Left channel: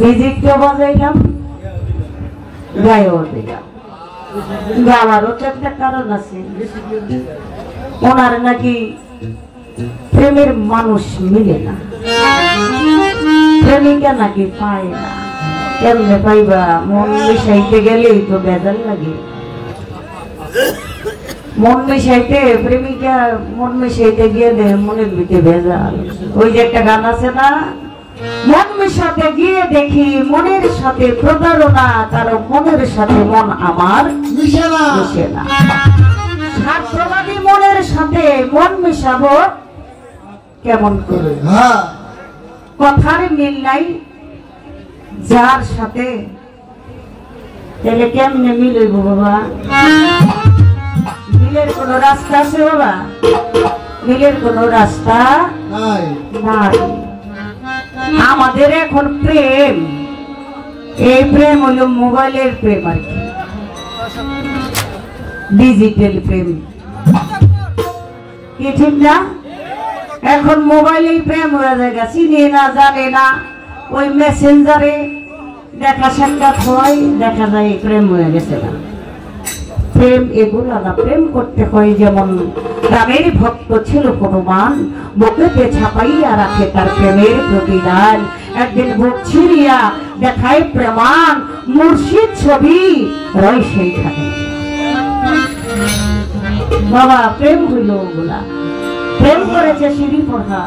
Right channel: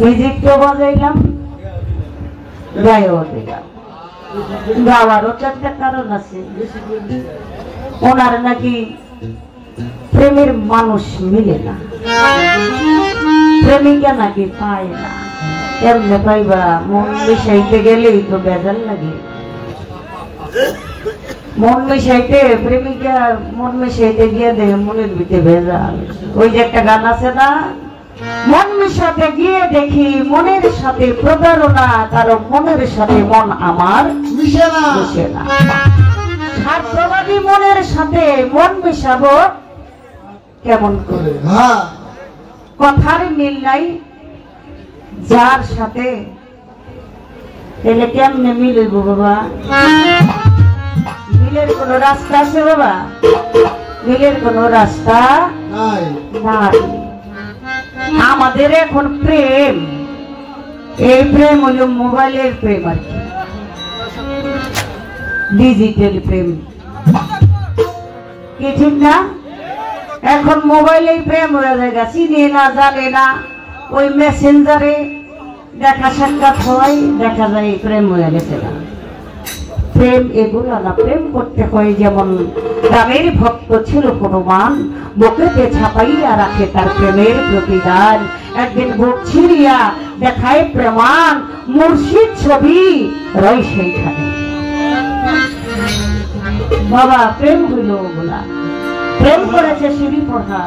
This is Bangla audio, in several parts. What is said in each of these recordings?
মিউজিকও বাজাইলাম, গায়েও দিলাম। গাওয়ারও তো একটা কারণ আছে, ওনার নাকি প্রেমের মানুষ মিলে না, প্রেমিকা নাকি পায় না। কেমনে পাইবা? মন মিশাইতে গেলেই তো বেজাল লাগে। মন মিশাইতে প্রেমিকা মন মিশাইতে গিয়ে দেয় মনের ভিতরে ভেজাল। ওই যে একটা গান আছে না, মন মিশাতে গিয়ে দেখি মনের সাথে প্রতারণা, কারণ মনের সাথে মন আমার মিশে না। স্বার্থবাদী মনের সাথে মন মিশাবো কেমন করে? কথার মিল নাই যার সাথে, তাহলে কেমনে মিলব বাবা? মিলের কোন রাস্তা আছে বাবা? মিলের কোন রাস্তা নাই। আমাদের এখন প্রেম, এই প্রেম হইল মোবাইলের প্রেম আর কি, ডিজিটাল প্রেম, কি ঠিক না? এখন মোবাইলে প্রেম হয়ে যায়, চিনে না জানে না, ওই মেসেঞ্জারে দেখা সাক্ষাৎ হয়, দেখা যায় প্রেম হয়ে গেছে না। প্রেম এগুলো না, প্রেম করতে হয় যেমন রামের ভক্ত ছিল হনুমান, বুকেতে ছাপাইয়া রাখে তার প্রেমের প্রতিদান। একদিন বুক ছিড়িয়া দেখায় প্রেমান, মুর্শিদ ছবি রয় সেইখানে। বাবা প্রেম হইল ওগুলা। প্রেম করেছে শিরি পড়া,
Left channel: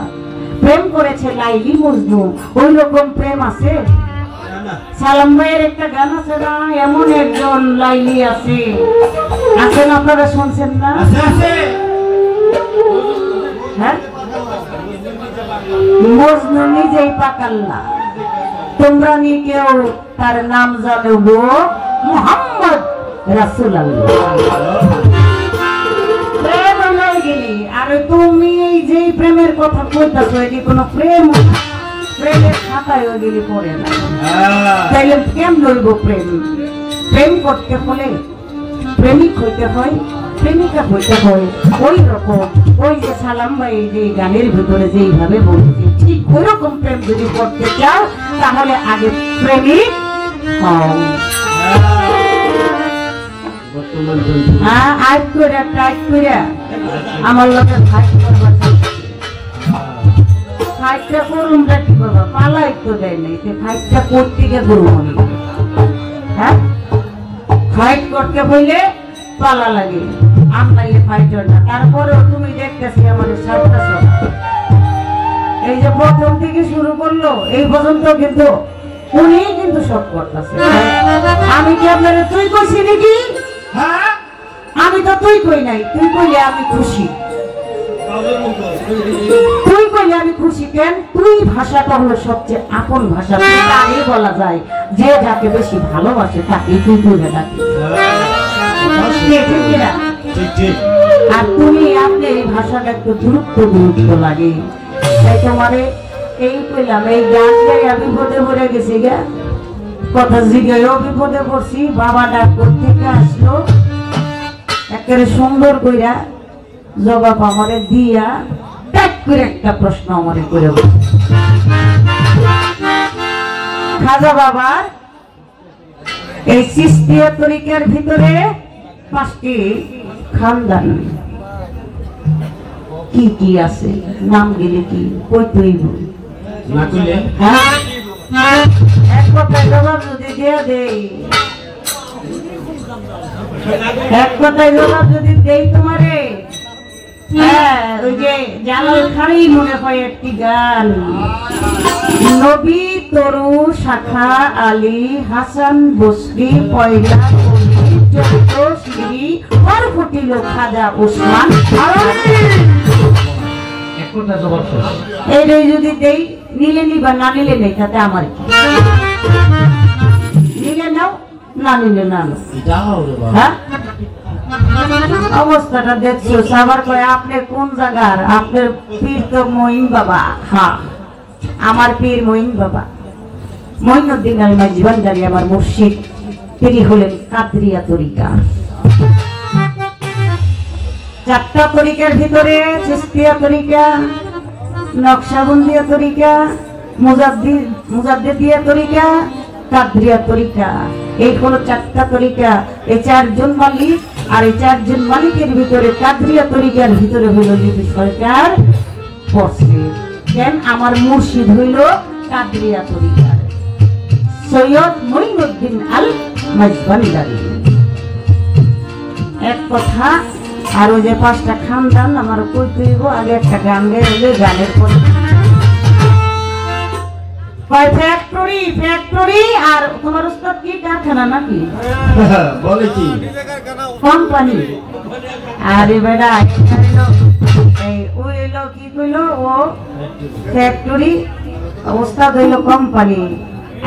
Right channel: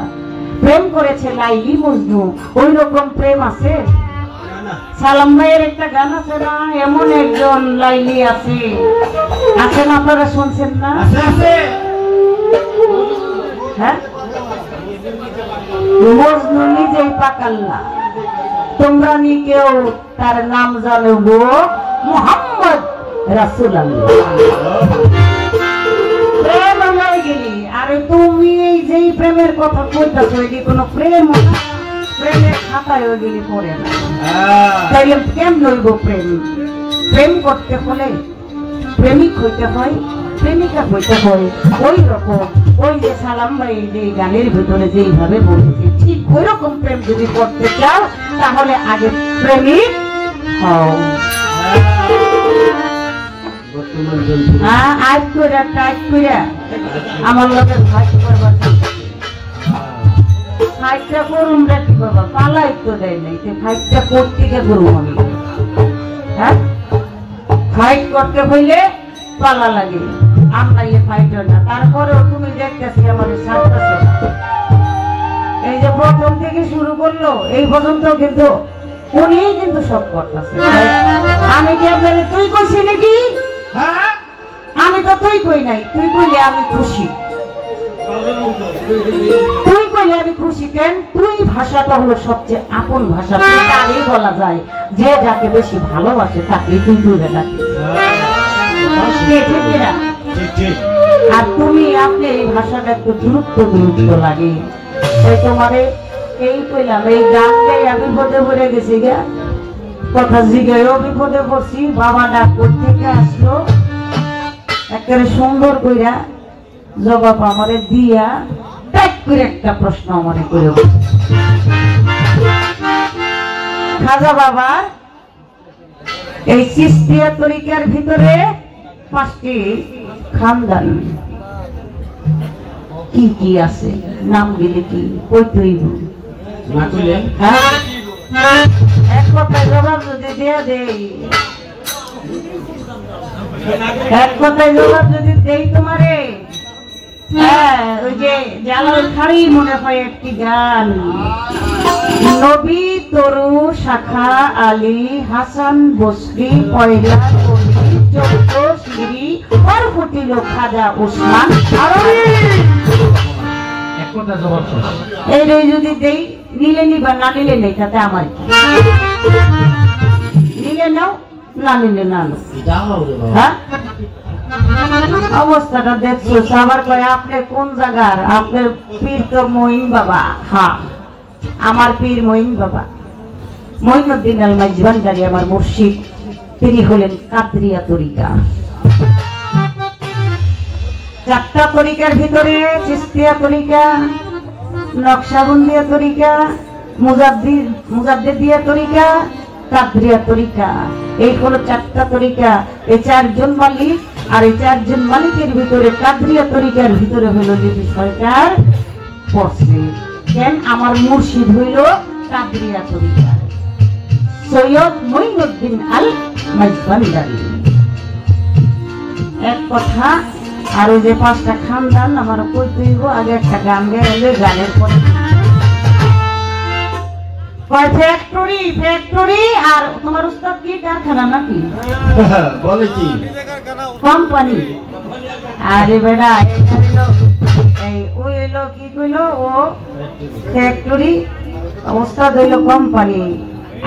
প্রেম করেছে লাইলি মজনু, ওই রকম প্রেম আছে? সালাম ভাইয়ের একটা গান আছে না, এমন একজন লাইলি আছে, আছেন আপনারা শুনছেন না? হ্যাঁ, মজনু নিজেই পাকাল না, তোমরা নি কেউ তার নাম জানো গো, মুহাম্মদ রাসূলুল্লাহ। প্রেম হয়ে গেলি, আর তুমি এই যে প্রেমের কথা কইতাছো, এটি কোনো প্রেম? প্রেমের খাতায় হয়ে গেলে পড়ে না, তাইলে কেমন লইব প্রেম? প্রেম করতে হলে প্রেমিক হইতে হয়, প্রেমিকা হইতে হয়। ওই রকম ওই যে সালাম ভাই যে গানের ভিতরে যেইভাবে বলছে, ঠিক ওই রকম প্রেম যদি করতে চাও তাহলে আগে প্রেমিক হও। আজ করে টাইট করে আমার লোকের ভাই ফাইটটা করুন রাখি বাবা, পালাই তো দেয় নাই, ফাইটটা করতে গিয়ে করুন। হ্যাঁ, ফাইট করতে হইলে পালা লাগে, আমরা ফাইটার না। তারপরেও তুমি দেখতেছি আমাদের সাথে এই যে প্রথম থেকে শুরু করলো এই পর্যন্ত কিন্তু উনি কিন্তু সব করতেছে। আমি কি আপনারা তুই কইছি নাকি? হ্যাঁ, আমি তো তুই কই নাই, তুই কইলে আমি খুশি, তুই কইলে আমি খুশি। কেন? তুই ভাষাটা হলো সবচেয়ে আপন ভাষা, তাই বলা যায় যে যাকে বেশি ভালোবাসে তাকে তুই কইলে ডাকে। আর তুমি আপনি এই ভাষাটা একটু গুরুত্ব লাগে। তোমার এই কইলাম, এই গান গাই আমি বিপদে পড়ে গেছি গা, কথা জিগাইও বিপদে পড়ছি। বাবা ডাক্তার থেকে আসলো, একেবারে সুন্দর কইরা জবাব আমারে দিয়া ট্যাক করে একটা প্রশ্ন আমারে করে, খাজা বাবার এই চিশতিয়া তরিকার ভিতরে 5টি খানদান কি কি আছে, নাম গেলে কি কইতেই না কইলে? হ্যাঁ, এক কথায় জবাব যদি দিয়ে দেই, এক কথায় জবাব যদি দেই তোমারে, হ্যাঁ, ওই যে জালাল খাড়ি মনে হয় একটি গান, নবী তরু শাখা আলী হাসান বসরি পয়লা চোদ্দ সিঁড়ি ওর ফুটিল খাজা ওসমান। এই যদি দেই, নিলে নিবা, না নিলে নেই, তাতে আমার কি? নিলে নাও, না নিলে না। হ্যাঁ, অবস্থাটা দেখছো। সবার কয় আপনি কোন জায়গার? আপনার পীর তো মঈন বাবা। হ্যাঁ, আমার পীর মঈন বাবা, মঈনুদ্দিন আল মাইজভান্ডারী আমার মুর্শিদ। তিনি হলেন কাদরিয়া তরিকা। 4টা তরিকার ভিতরে চিশতিয়া তরিকা, নকশবন্দিয়া তরিকা, মুজাদ্দিদিয়া তরিকা, কাদরিয়া তরিকা, এই হলো 4টা তরিকা। এই 4জন মালিক, আর এই 4জন মালিকের ভিতরে কাদরিয়া তরিকার ভিতরে হলো লিপি সরকার পড়ছে। কেন? আমার মুর্শিদ হইল কাদরিয়া তরিকার সৈয়দ মঈনুদ্দিন আল মাঝবান্ডারি। এক কথা। আর ওই যে 5টা খানদান আমার কইতে হইব। আগে একটা গান গেলে গানের পর ফ্যাক্টরি। আর তোমার উস্তাদ কি কারখানা নাকি বলে কি কোম্পানি? আরে বেটা ওই এলো কি কইলো, ও ফ্যাক্টরি, উস্তাদ হইলো কোম্পানি,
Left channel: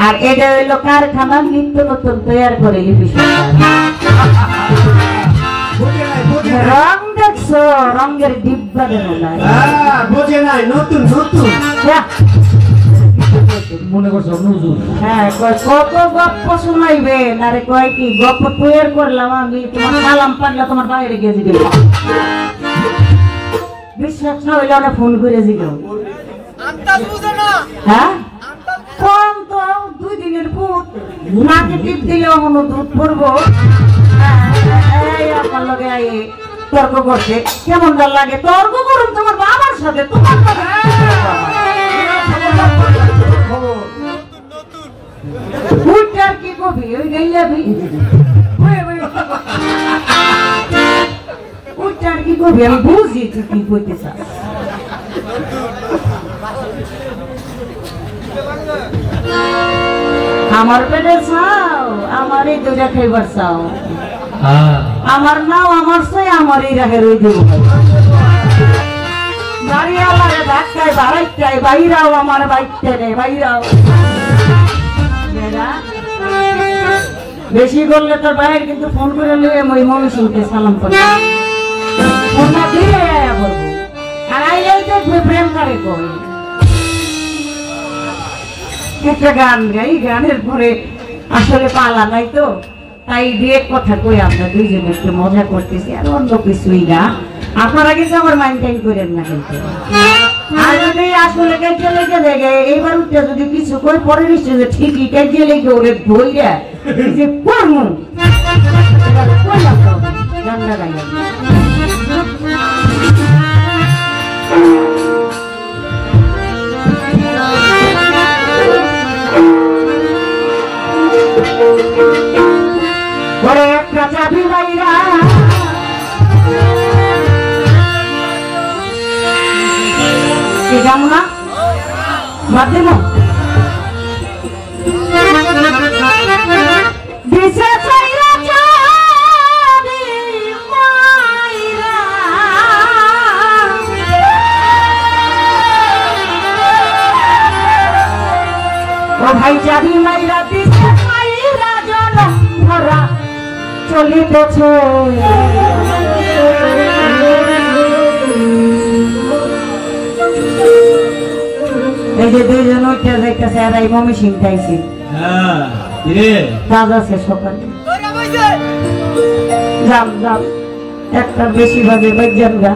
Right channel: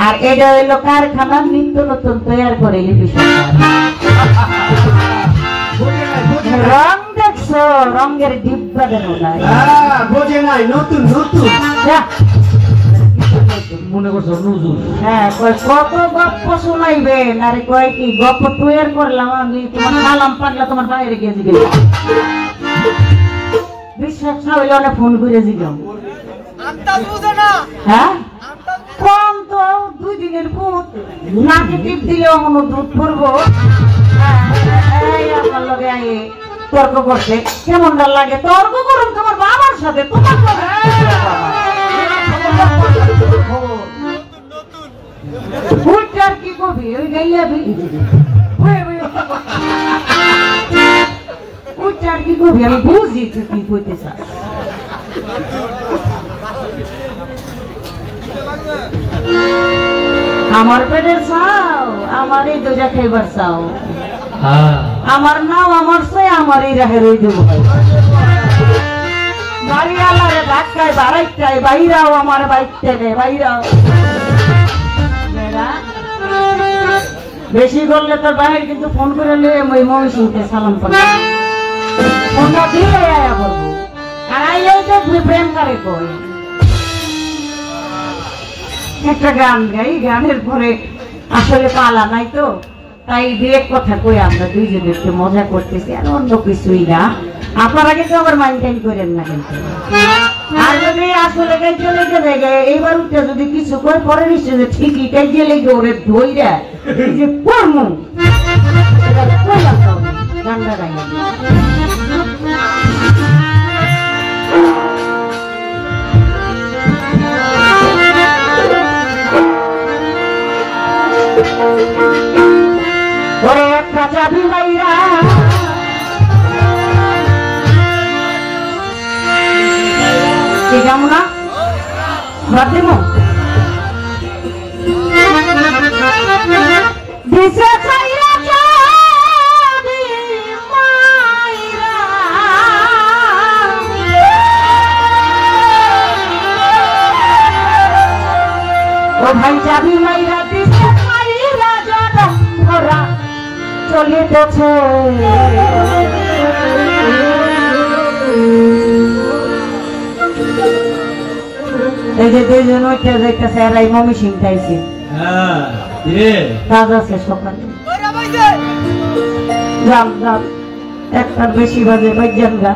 আর এটা হইলো কারখানা নিত্য নতুন তৈরি করে লিপি সরকার। রং দেখছো? রঙের ডিব্বা দেন বোঝে নাই, নতুন নতুন মনে করছো হুজুর। হ্যাঁ, কয় কত গপ্প শোনাইবেন? আরে কয় কি গপ্প তৈরি করলাম আমি, তোমার সালাম পারলে তোমার বাইরে গিয়ে দিবে। বিশ্বাস না হইলে ওরা ফোন করে জিগাও। হ্যাঁ, কম তো 2 দিনের ভূত, নাকে টিপ দিলেও মনে দুধ পড়বো। আমার লোকে তর্ক করছে, কেমন লাগে? তর্ক করুন তোমার বাবার সাথে, তোমার সাথে কি কবি ওই গাইলাবি ওইটার কি কবি আমি বুঝি তুই কি কইতে চাস। আমার পেটে চাও, আমার এই দুইটা খাইবার চাও, আমার নাও আমার সে আমার এই রাখে রই দেবো। বাড়ি আমার ধাক্কায় বাড়াইটাই বাইরাও, আমার বাইকটা নেই বাইরাও। বেশি করলে তোর বাইরে কিন্তু ফোন করে ওই মহিষকে সালাম করবে, ফোনটা দিয়ে আইলেও দেখবি প্রেম করে কই। একটা গান গাই, গানের পরে আসলে পালা নাই তো, তাই ডিরেক্ট কথা কই আমরা দুইজনে একটু মজা করতেছি, আর অন্য কিছুই না। আপনারা কিন্তু আবার মাইন্ড করেন না কিন্তু। আর যদি আসলে কাজে লেগে যায়, এইবার উঠে যদি কিছু করে পরে নিশ্চয় যে ঠিকই কাজে লেগে ওরে ধইরা এই যে পড়মু গান্ডা গাই ওরে একটা চাবি মাইরা কি জানো না বাদ দেব দিশা চাইরা চাবি মাইরা ও ভাই চাবি মাইরা দিশা চাইরা জানো ঘোরা চলিতেছে। এই যে দুইজন উঠে যাইতেছে, এরা মমি সিং খাইছে দাদা সে সকালে যাও যাও একটা বেশি বাজে বাজান গা